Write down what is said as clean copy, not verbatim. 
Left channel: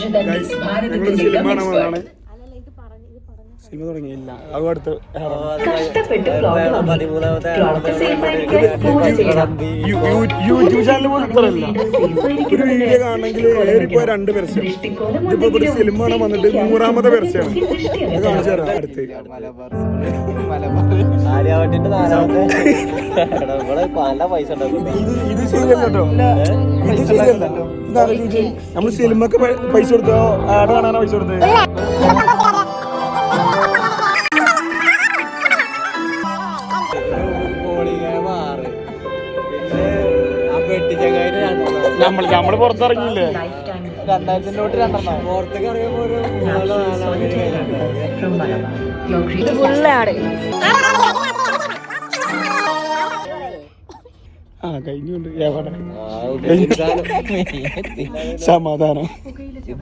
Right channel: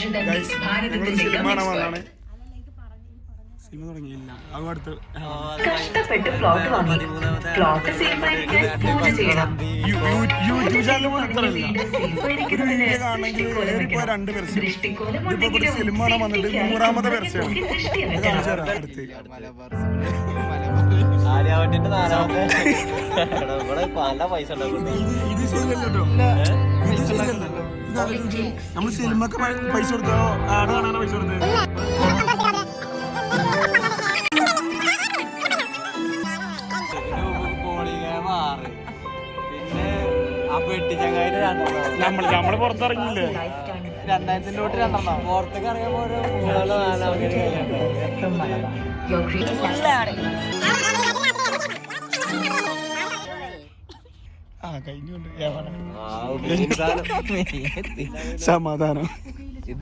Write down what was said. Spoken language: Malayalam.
ഞങ്ങളൊരു സിനിമ കാണാൻ വന്നതാണ്. സിനിമ തുടങ്ങിയില്ല. അത് അടുത്ത് യൂട്യൂബ് ചാനൽ പോലും ഇത്രയല്ല. ഒരു വീഡിയോ കാണണമെങ്കിൽ ഏറിപ്പോ 2 പരസ്യം. ഇതിപ്പോ ഇവിടെ സിനിമ കാണാൻ വന്നിട്ട് 100ാമത്തെ പരസ്യമാണ്. അത് കാണിച്ചു തരാം അടുത്ത്. ഇത് ശരിയല്ലോ, ഇത് ശരിയല്ലോ. ഇതാലോചിച്ച് നമ്മള് സിനിമക്ക് പൈസ കൊടുത്തോ ആഡ് കാണാനോ പൈസ കൊടുത്തത്? നമ്മള് പുറത്തിറങ്ങിയില്ലേ? 2000 തൊട്ട് 2 പുറത്തേക്ക് ഇറങ്ങിയപ്പോ ഒരു കഴിഞ്ഞുണ്ട്. സമാധാനം.